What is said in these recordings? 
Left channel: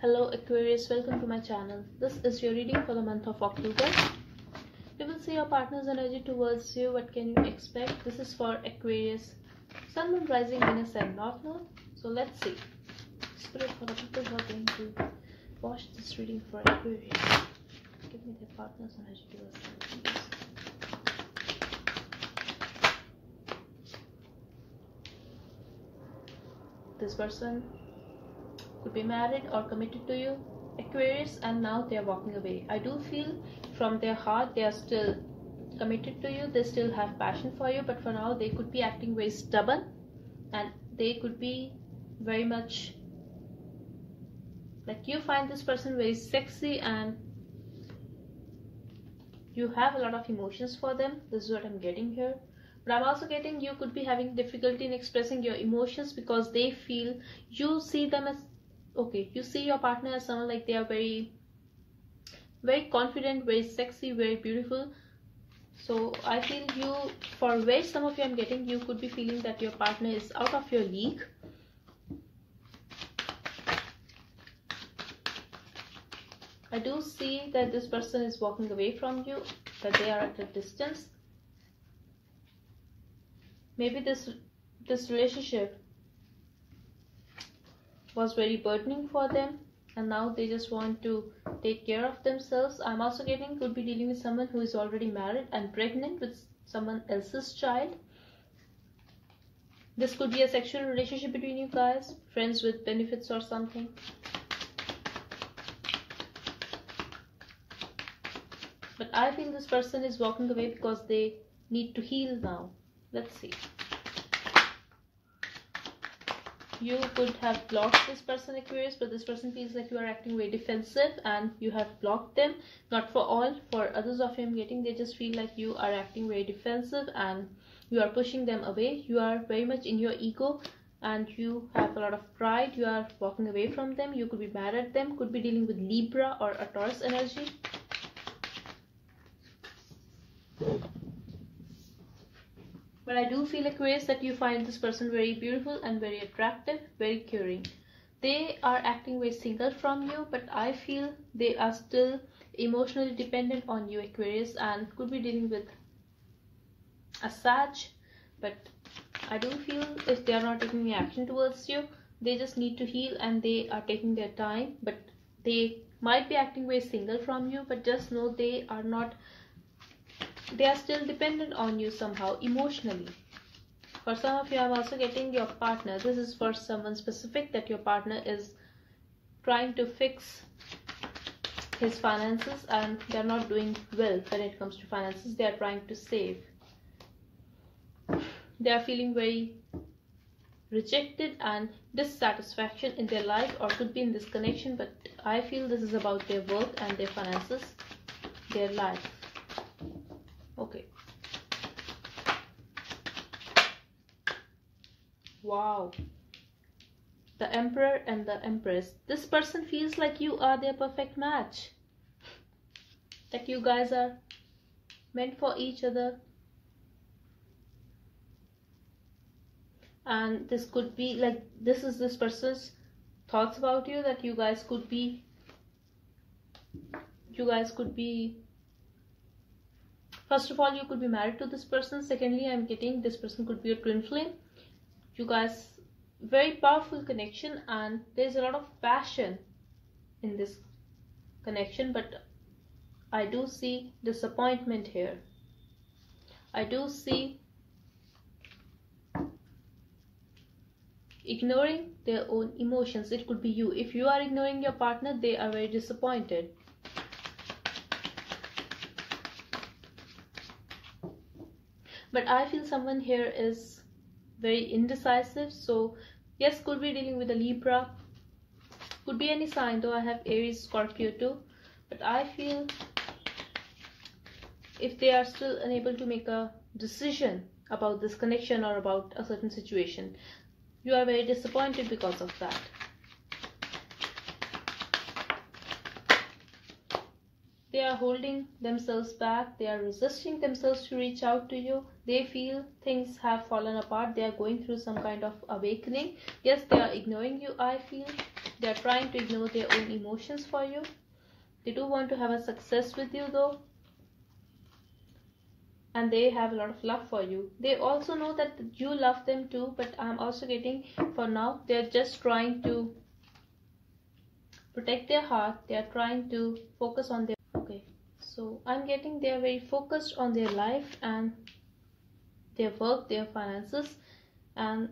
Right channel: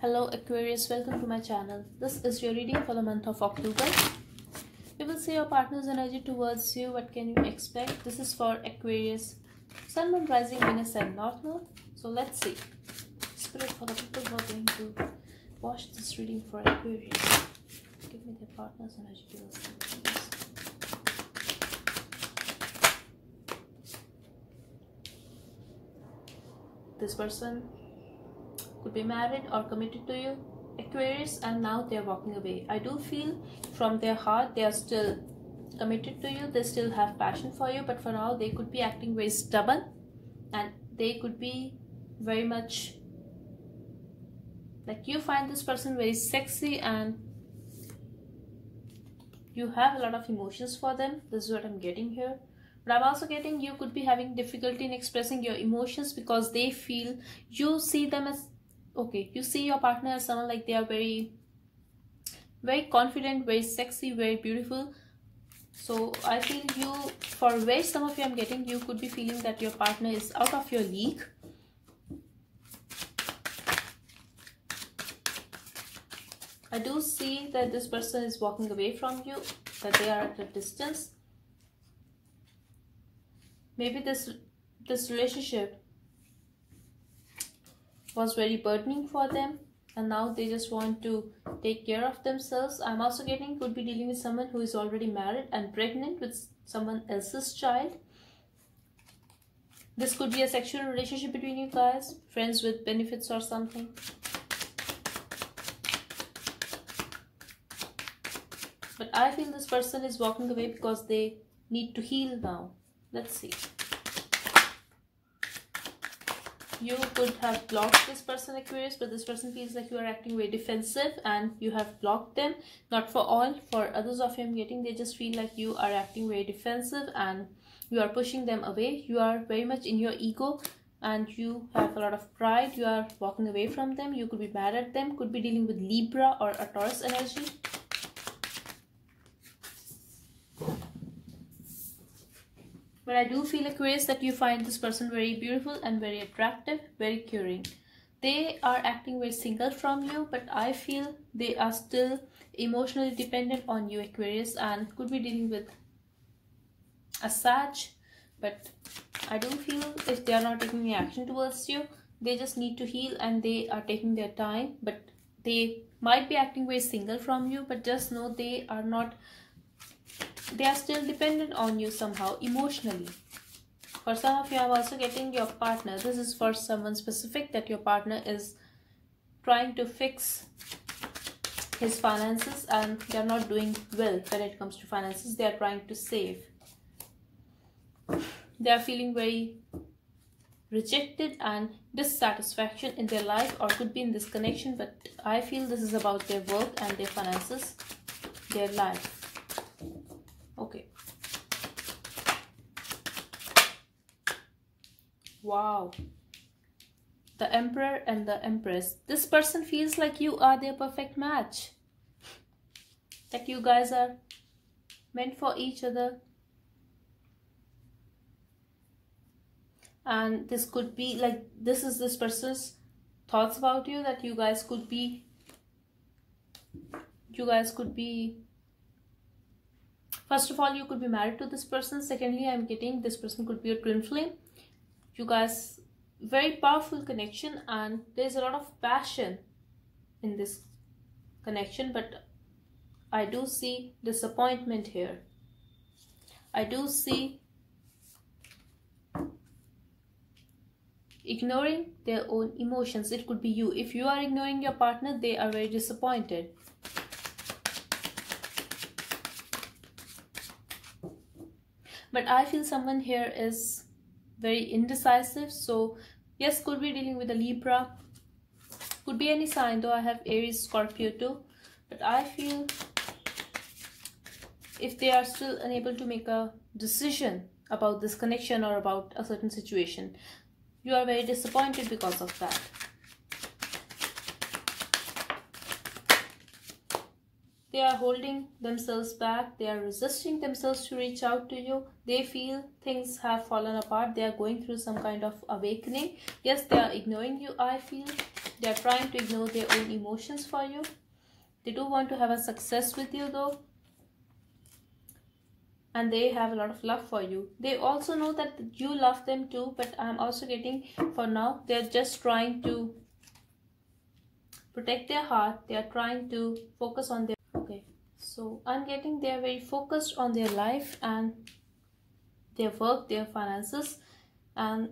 Hello Aquarius, welcome to my channel. This is your reading for the month of October. We will see your partner's energy towards you. What can you expect? This is for Aquarius, Sun, Moon, Rising, Venus and North Node. So let's see. Spirit for the people who are going to watch this reading for Aquarius. Give me their partner's energy towards them, please. This person could be married or committed to you, Aquarius, and now they are walking away. I do feel from their heart they are still committed to you. They still have passion for you, but for now they could be acting very stubborn and they could be very much like you find this person very sexy and you have a lot of emotions for them. This is what I'm getting here. But I'm also getting you could be having difficulty in expressing your emotions because they feel you see them as okay. You see your partner as someone like they are very confident, very sexy, very beautiful. So I feel you, for where some of you I'm getting, you could be feeling that your partner is out of your league. I do see that this person is walking away from you, that they are at a distance. Maybe this relationship was very burdening for them and now they just want to take care of themselves. I'm also getting could be dealing with someone who is already married and pregnant with someone else's child. This could be a sexual relationship between you guys, friends with benefits or something. But I feel this person is walking away because they need to heal now. Let's see. You could have blocked this person, Aquarius, but this person feels like you are acting very defensive and you have blocked them. Not for all, for others of you I'm getting, they just feel like you are acting very defensive and you are pushing them away. You are very much in your ego and you have a lot of pride. You are walking away from them. You could be mad at them, could be dealing with Libra or a Taurus energy. But I do feel, Aquarius, that you find this person very beautiful and very attractive, very caring. They are acting very single from you, but I feel they are still emotionally dependent on you, Aquarius, and could be dealing with a Sag. But I do feel if they are not taking any action towards you, they just need to heal and they are taking their time. But they might be acting very single from you, but just know they are not. They are still dependent on you somehow emotionally. For some of you I'm also getting your partner. This is for someone specific, that your partner is trying to fix his finances and they're not doing well when it comes to finances. They are trying to save. They are feeling very rejected and dissatisfaction in their life, or could be in this connection, but I feel this is about their worth and their finances, their life. Okay. Wow. The Emperor and the Empress. This person feels like you are their perfect match. That you guys are meant for each other. And this could be like, this is this person's thoughts about you, that you guys could be first of all, you could be married to this person. Secondly, I'm getting this person could be a twin flame. You guys, very powerful connection and there's a lot of passion in this connection, but I do see disappointment here. I do see ignoring their own emotions. It could be you. If you are ignoring your partner, they are very disappointed. But I feel someone here is very indecisive. So yes, could be dealing with a Libra. Could be any sign, though I have Aries, Scorpio too. But I feel if they are still unable to make a decision about this connection or about a certain situation, you are very disappointed because of that. They are holding themselves back. They are resisting themselves to reach out to you. They feel things have fallen apart. They are going through some kind of awakening. Yes, they are ignoring you, I feel. They are trying to ignore their own emotions for you. They do want to have a success with you though, and they have a lot of love for you. They also know that you love them too, but I'm also getting, for now, they're just trying to protect their heart. They are trying to focus on their, okay, so I'm getting they're very focused on their life and their work, their finances, and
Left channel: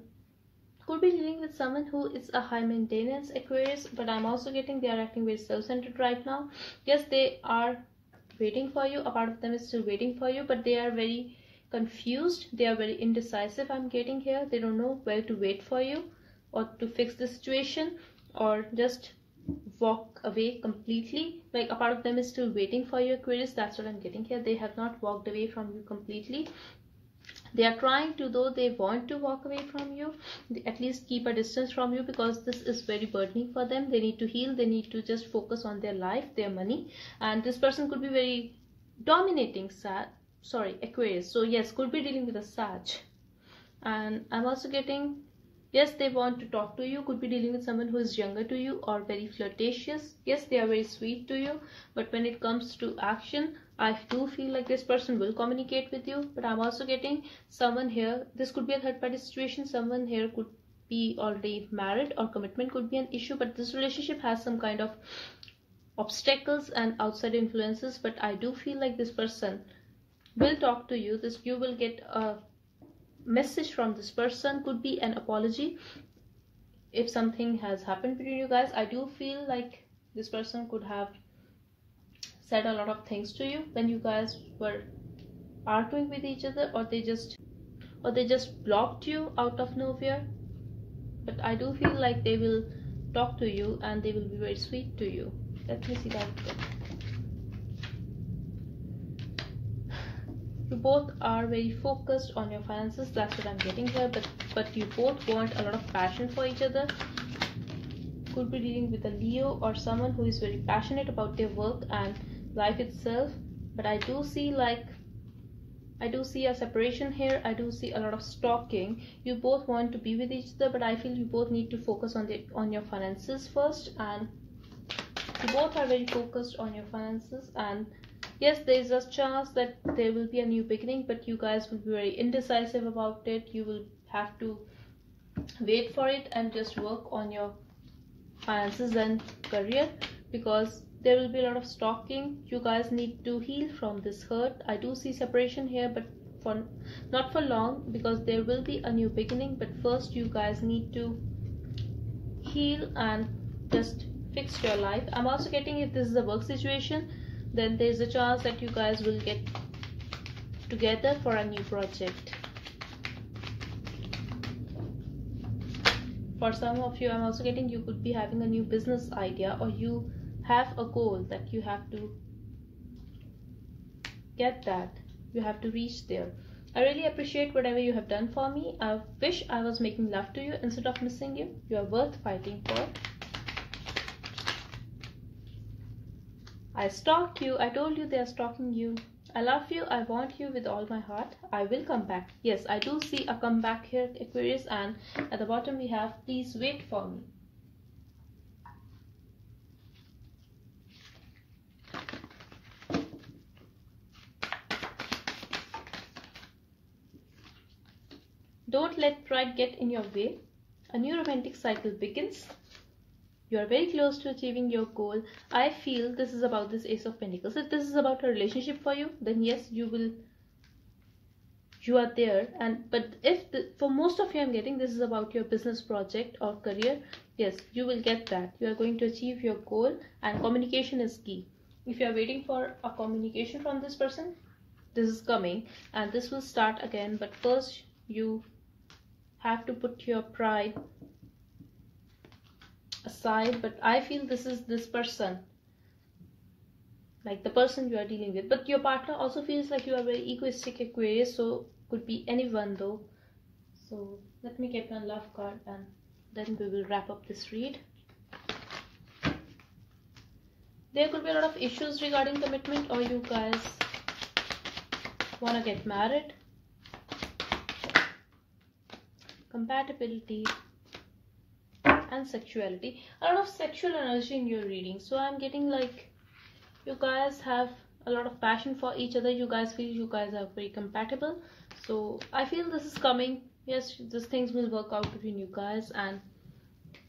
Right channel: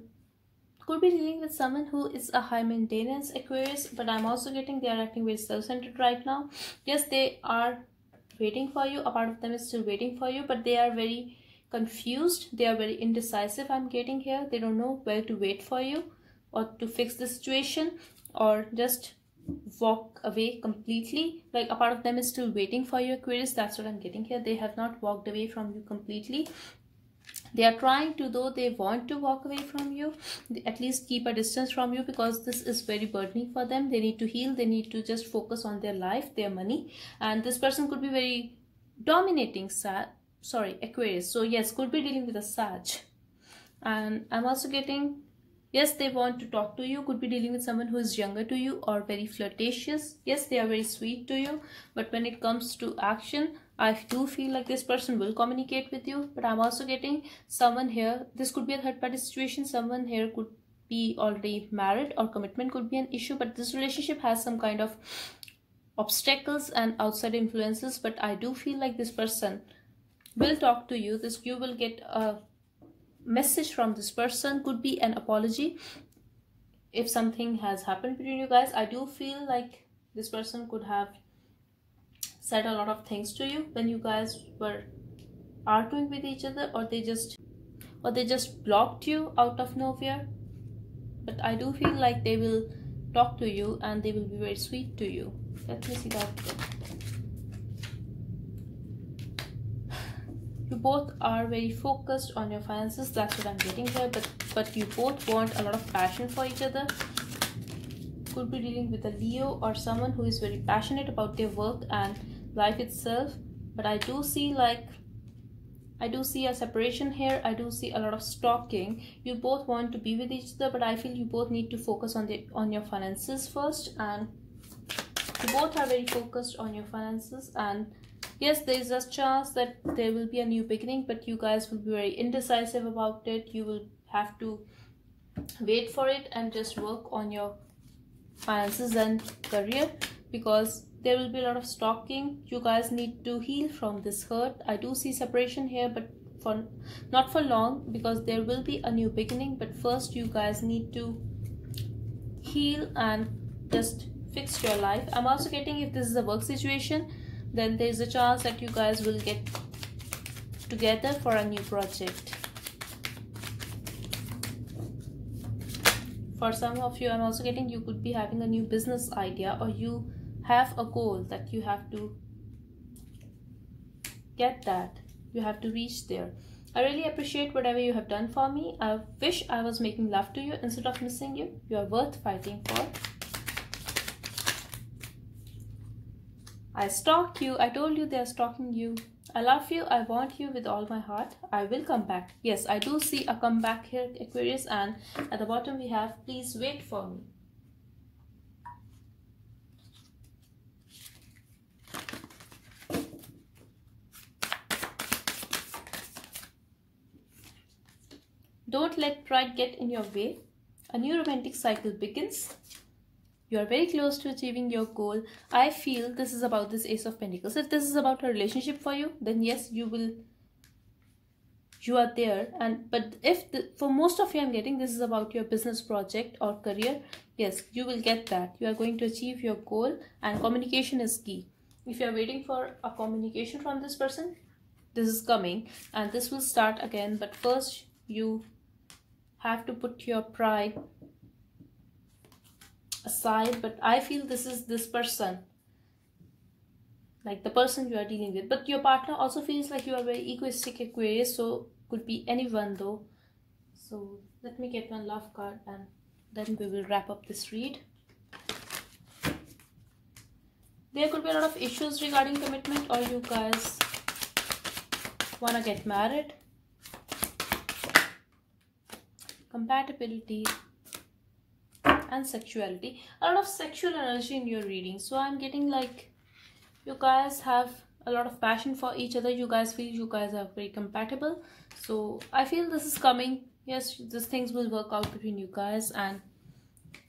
could be dealing with someone who is a high maintenance Aquarius. But I'm also getting they are acting very self-centered right now. Yes, they are waiting for you. A part of them is still waiting for you, but they are very confused. They are very indecisive. I'm getting here. They don't know where to wait for you or to fix the situation, or just walk away completely. Like, a part of them is still waiting for you, Aquarius. That's what I'm getting here. They have not walked away from you completely. They are trying to, though they want to walk away from you, at least keep a distance from you, because this is very burdening for them. They need to heal. They need to just focus on their life, their money. And this person could be very dominating, Aquarius. So yes, could be dealing with a Sag. And I'm also getting, yes, they want to talk to you. Could be dealing with someone who is younger to you or very flirtatious. Yes, they are very sweet to you, but when it comes to action, I do feel like this person will communicate with you. But I'm also getting someone here. This could be a third party situation. Someone here could be already married, or commitment could be an issue. But this relationship has some kind of obstacles and outside influences. But I do feel like this person will talk to you. You will get a message from this person. Could be an apology if something has happened between you guys. I do feel like this person could have said a lot of things to you when you guys were arguing with each other, or they just blocked you out of nowhere. But I do feel like they will talk to you and they will be very sweet to you. Let me see that. You both are very focused on your finances. That's what I'm getting here. But you both want a lot of passion for each other. Could be dealing with a Leo or someone who is very passionate about their work and life itself. But I do see a separation here. I do see a lot of stalking. You both want to be with each other, but I feel you both need to focus on your finances first. And you both are very focused on your finances. And yes, there is a chance that there will be a new beginning, but you guys will be very indecisive about it. You will have to wait for it and just work on your finances and career, because there will be a lot of stalking. You guys need to heal from this hurt. I do see separation here, but not for long, because there will be a new beginning. But first you guys need to heal and just fix your life. I'm also getting, if this is a work situation, then there's a chance that you guys will get together for a new project. For some of you, I'm also getting you could be having a new business idea, or you have a goal that you have to get that. You have to reach there. I really appreciate whatever you have done for me. I wish I was making love to you instead of missing you. You are worth fighting for. I stalk you. I told you they are stalking you. I love you. I want you with all my heart. I will come back. Yes, I do see a comeback here, Aquarius. And at the bottom we have, please wait for me. Don't let pride get in your way. A new romantic cycle begins. You are very close to achieving your goal. I feel this is about this Ace of Pentacles. If this is about a relationship for you, then yes, you are there. But if for most of you, I'm getting this is about your business project or career, yes, you will get that. You are going to achieve your goal, and communication is key. If you are waiting for a communication from this person, this is coming and this will start again. But first you have to put your pride aside. But I feel this is this person, like the person you are dealing with. But your partner also feels like you are very egoistic, Aquarius, so could be anyone though. So let me get one love card and then we will wrap up this read. There could be a lot of issues regarding commitment, or you guys want to get married. Compatibility. and sexuality. A lot of sexual energy in your reading. So I'm getting like you guys have a lot of passion for each other. You guys feel you guys are very compatible. So I feel this is coming. Yes, these things will work out between you guys. And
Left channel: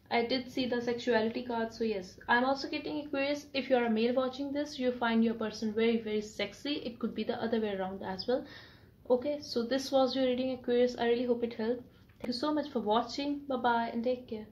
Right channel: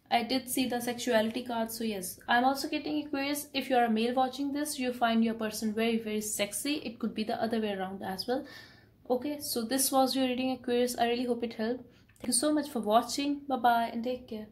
I did see the sexuality card, so yes. I'm also getting Aquarius. If you're a male watching this, you find your person very, very sexy. It could be the other way around as well. Okay, so this was your reading, Aquarius. I really hope it helped. Thank you so much for watching. Bye bye and take care.